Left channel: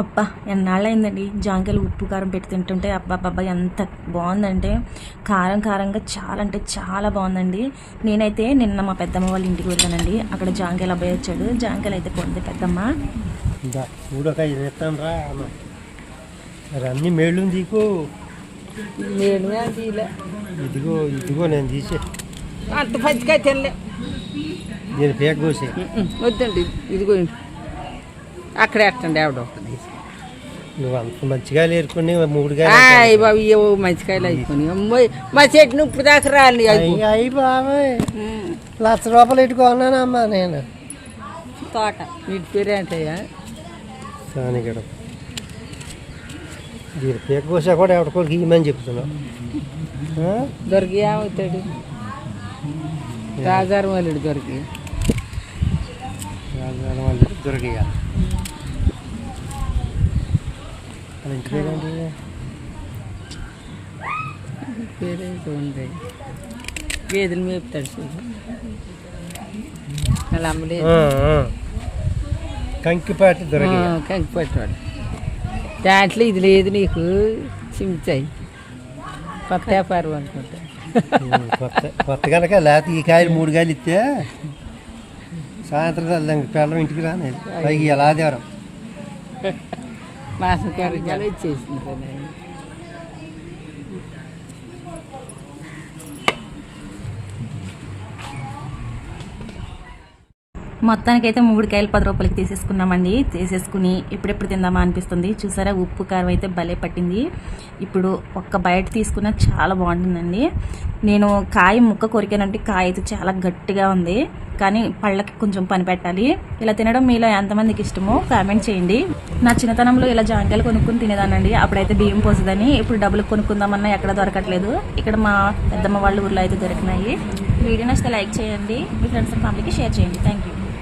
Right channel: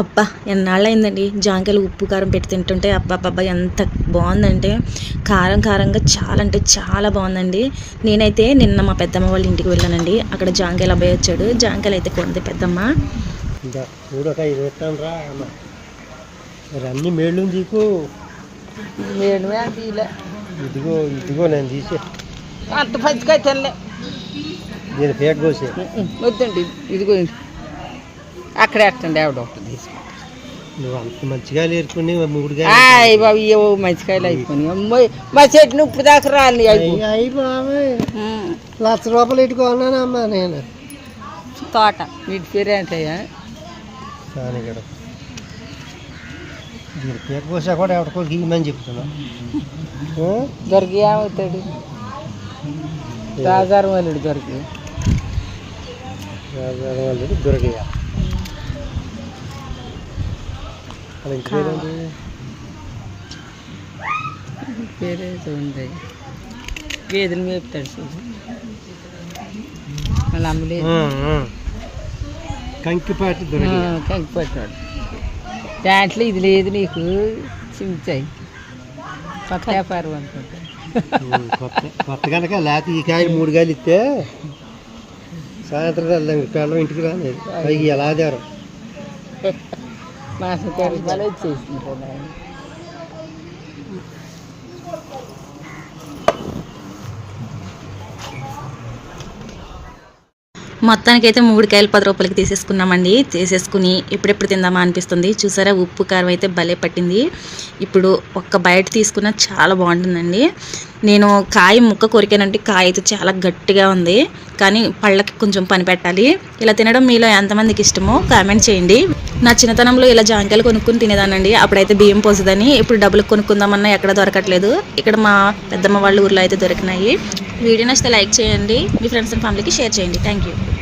అబ్బా ఎన్నాళ్ళైందండి జాంకాయలు ఉప్పు కారం పెట్టి తింటుంటే అబ్బా అబ్బా ఎంత బాగుందంటే కారం కారంగా చాలా అంటే చాలా బాగుందండి. నేనైతే నిన్న మా పెద్దమ్మ వాళ్ళ ఇంటికి వెళ్ళానండి. అక్కడ జాంకాయలు అబ్బాయి వచ్చాడు. జాంకాయలు అయితే కొంది పెద్దమ్మ. మేళ్ళు నీకు? ఇదిగో ఇదిగో నేను తీసే. అంత పచ్చికాయ తినలే. దీని పేట కోసి. వద్దండి. ఇదిగో. అక్కడ ఎట్టండి ఆవిడ ఒకటి తీసుకో నువ్వు అంత మంచిగా ఏరుకుని ఆయ్ బాబు ఏవో మంచికాయలు అయిపోయి అమ్మాయి మా చెట్టును ఇప్పుడు దాకా రాలి అయ్యి బాబాయ్. లక్ష రూపాయలు ఇట్టుకున్నానమ్మా నేను. తోట వీటి పేరు ఏంటయ్యా? కూడా ఇవ్వమని చెప్తున్నా? దొరికి ఏమవుతాడు రాజారం వాళ్ళు దొరికి. రాజారాం పేరేంటి? పేరేదో ఉంది గేదెలు మేపుతాడు చూడు అలా. కంకిపాటి దాంట్లో ఇది లేదు నీకు చించాయి కొత్త వ్యాపారం అనుకుంటా కొత్త కొత్త కనుక లేకపోతే ఈ కాయలు మూడు కాయలు ఇస్తే సాయంత్రం పిల్లలు ఇంటికి రాలేదు ఎలా దేవరం మాసం వచ్చేసింది మొత్తానికి అయితే మూడు కాయలు పది రూపాయలకి తీసేసుకున్నామండి. తీసేసుకుని ఎప్పుడెప్పుడు తిందామా అనిపిస్తుంది. చూసారా ఉప్పు కారం అయితే భలే పట్టింది. ఇప్పుడు ఒక్క బయట తీసుకున్న చాలా బాగుంటుందండి. నేను కాయ ముక్క కొరికానంటే కాయ అయితే చాలా గట్టిగా ఉంది. కానీ పళ్ళకి కొంచెం పని పెట్టాలి. ఇలా తినడం మీలో ఎంతమందికి ఇష్టమో కామెంట్ చేయండి. నా చిన్నతనంలో ఇలా జాంకాయలు కొనుక్కుని తినేదానండి అప్పుడైతే బియ్యం పోసేదని ఇప్పుడు డబ్బులు కొనుక్కుందామన్నా ఎక్కడ దొరకట్లేదు. ఇక్కడ మా పెద్దమ్మ వాళ్ళ ఊర్లో అయితే దొరికినాయి. వీడియో నచ్చితే లైక్ చేయండి. మీ ఫ్రెండ్స్ అండ్ ఫ్యామిలీకి షేర్ చేయండి. Thank you